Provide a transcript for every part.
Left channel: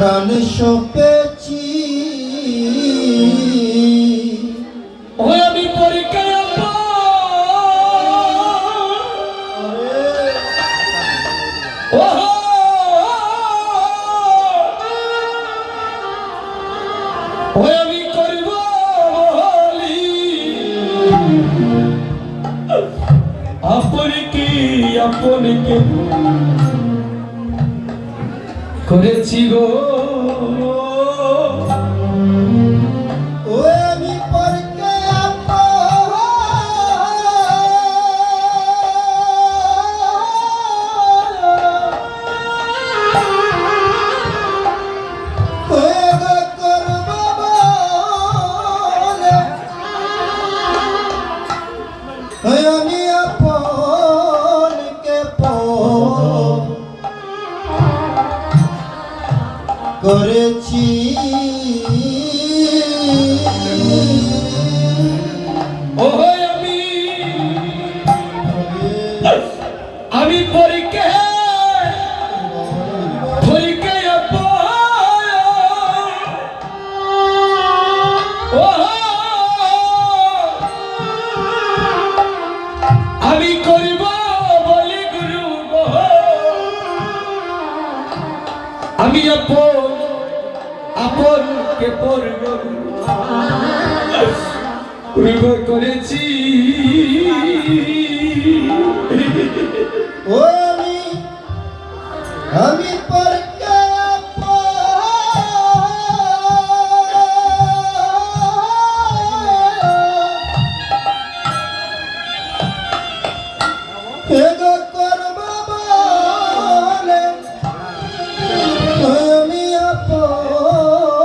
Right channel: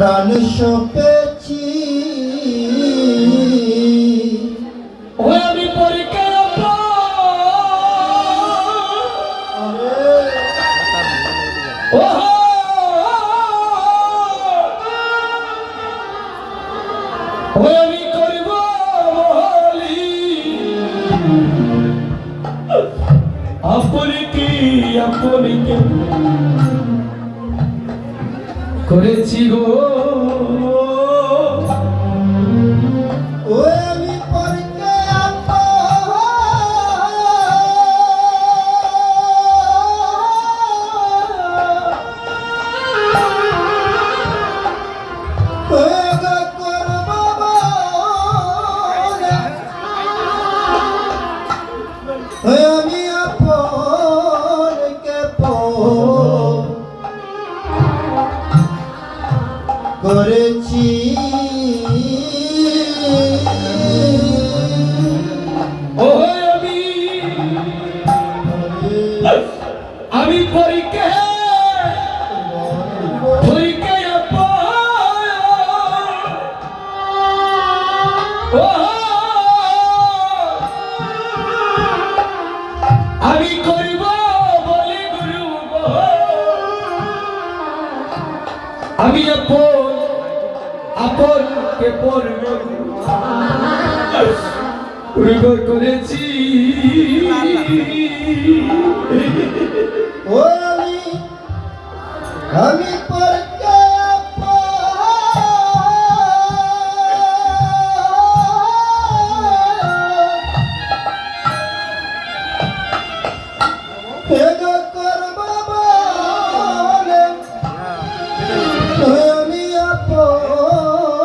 প্রাণ সপেছি আমি পরীক্ষা আমি করব আপনকে করেছি গো আমি পরকে আমি আপনকে করেছি আমি পরীক্ষা আমি করব বলি গুরু আমি আপনকে পূর্ব করেছি আমি পরকে আমি আপনকে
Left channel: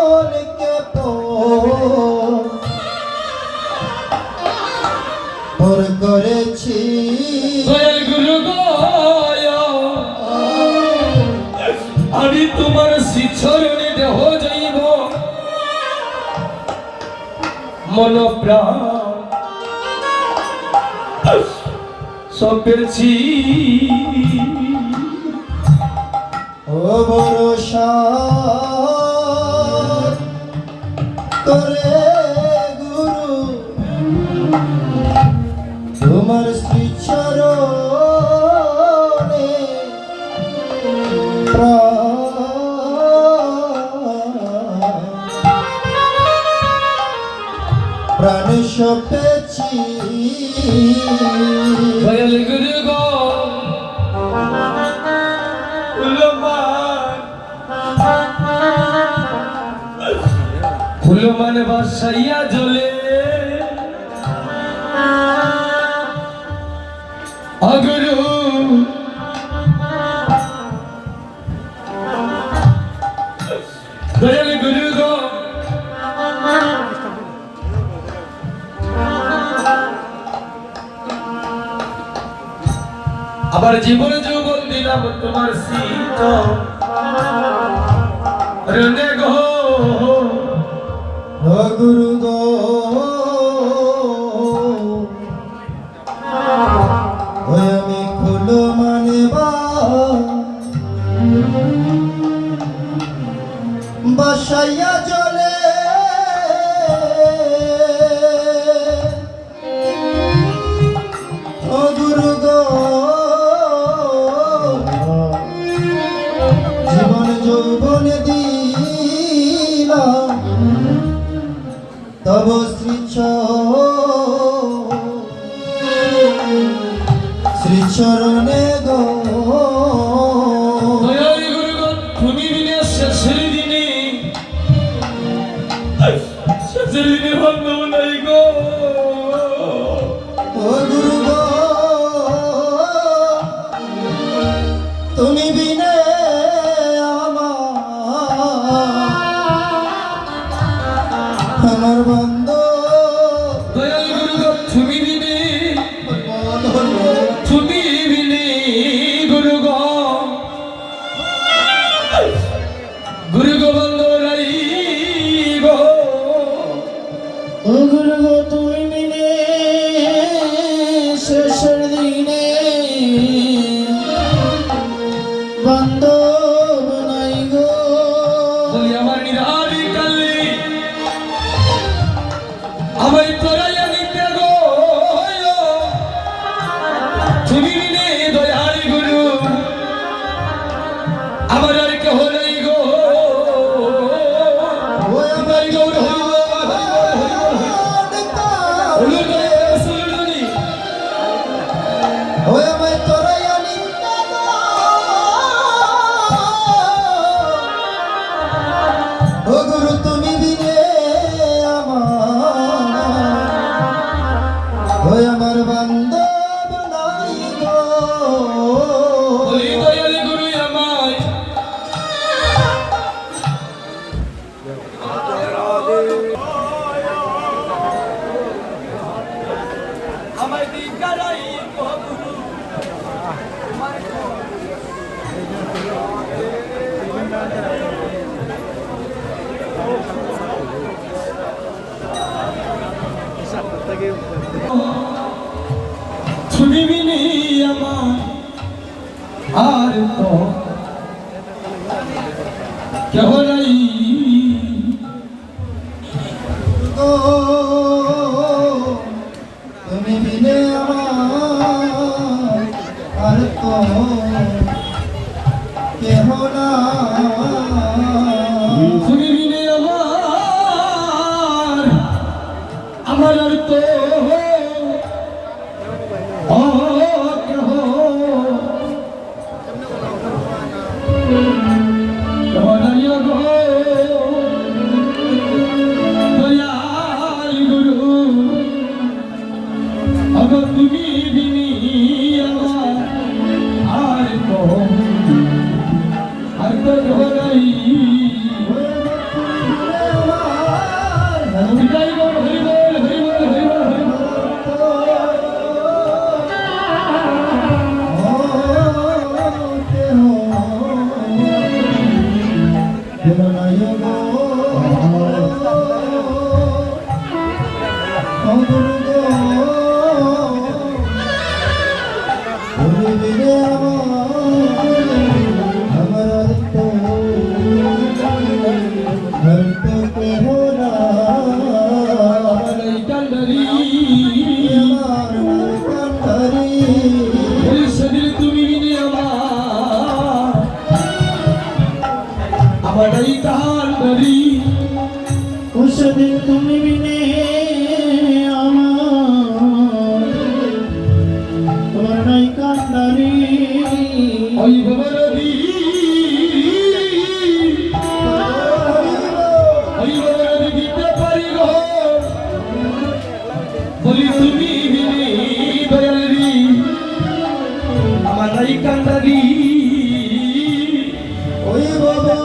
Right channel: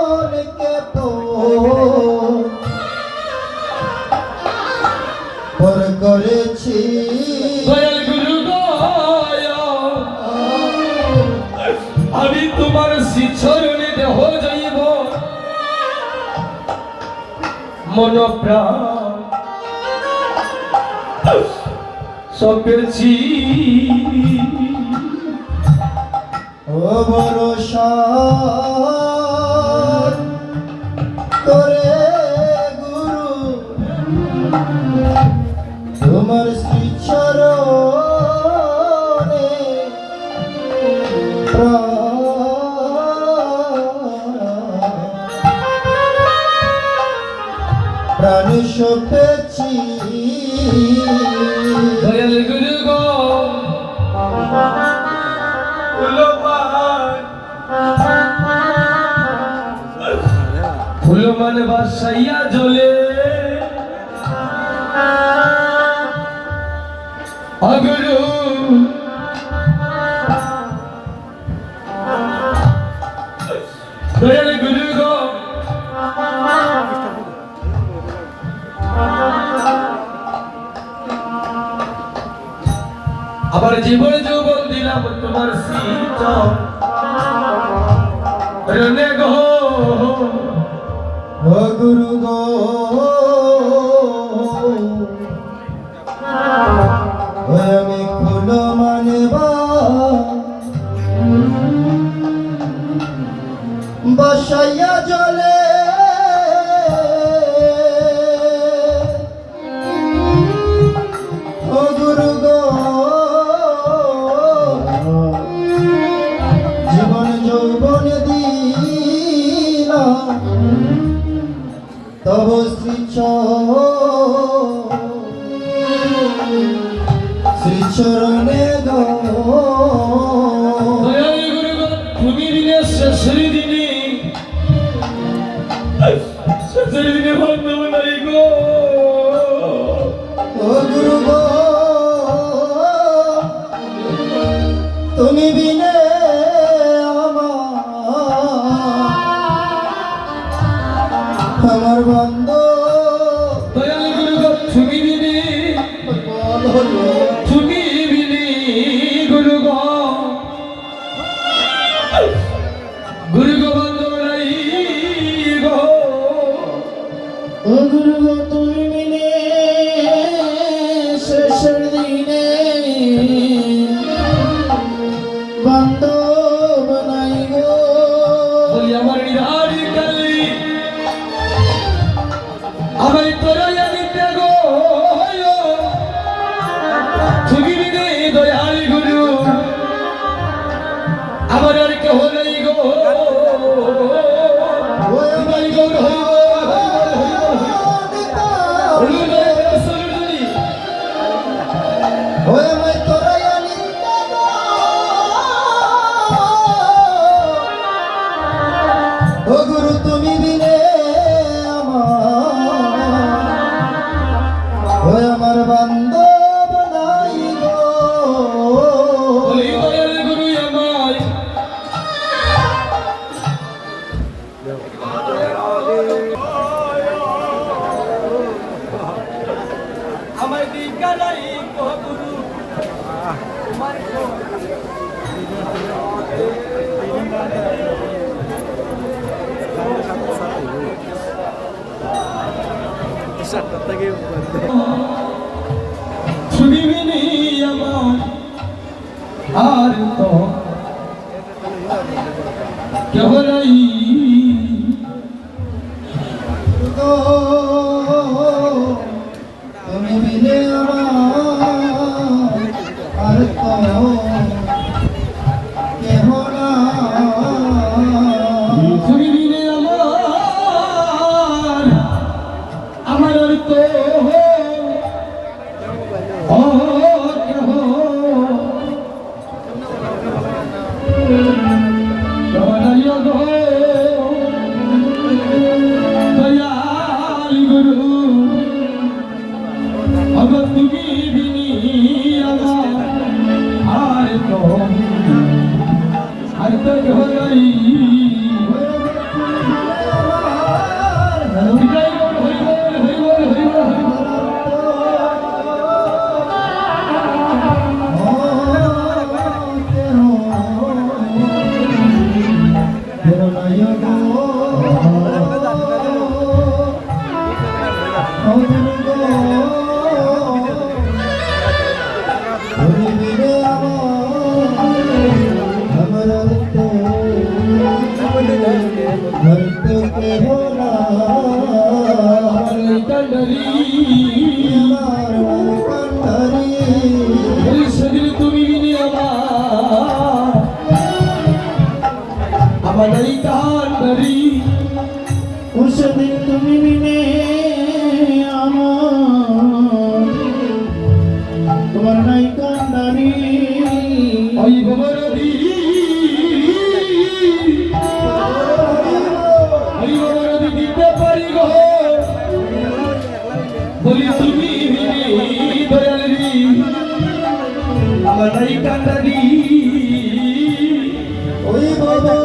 পর করেছি গুরু আমি তোমার শিক্ষরণে দেহ যাইব মন প্রাণ সপেছি ও ভরসা করে গুরু তোমার শ্রী চরণে প্রাণ সপেছি গুরু গো ফুলমান বাসাইয়া জ্বলে গুরু গুরু গো আবার জীবন যৌবন দিলাম তোমার শীত রনে গো ও গুরু গো আমি ফুল মানবা বসাইয়া জলে ও গুরু গো জীবন যৌবন দিলাম তব শ্রীচরণে গো তুমি দিনে শেষের দিনে ভাগ্য নাই গো ও গুরু গো তুমি বিনে আমার বন্ধ তুমি দিনে গুরু গো বন্ধ নাই গো ও গুরু গো তুমি বিনে শেষের দিনে বন্ধ নাই গো কেহ নাই গো তুমি বিনে আমার আর তো কেহ না তুমি বিনে আমার আর তো কেহ নাই গো দয়াল গুরু अब তুমি বিনি আমার আর তো কেহ নাই বিদায় গো হরিবল হরিবল হরিবল তুমি বিনে আমার এই কান্ডারি সেদিন তুমি বিনে আমার তোমার নাই কান্ডারি ওই বাবারি ওই বাবারি দিতে পারি গো বলি তুমি বিনে দয়ালি আমার এই কান্ডারি ওই বাবা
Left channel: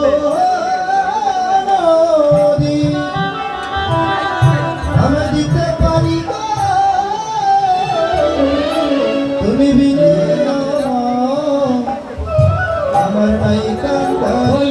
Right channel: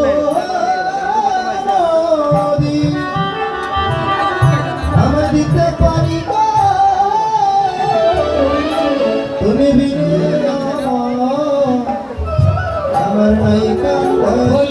আমি দিতে পারি গো, তুমি বিনে আমার নাই কান্ডারি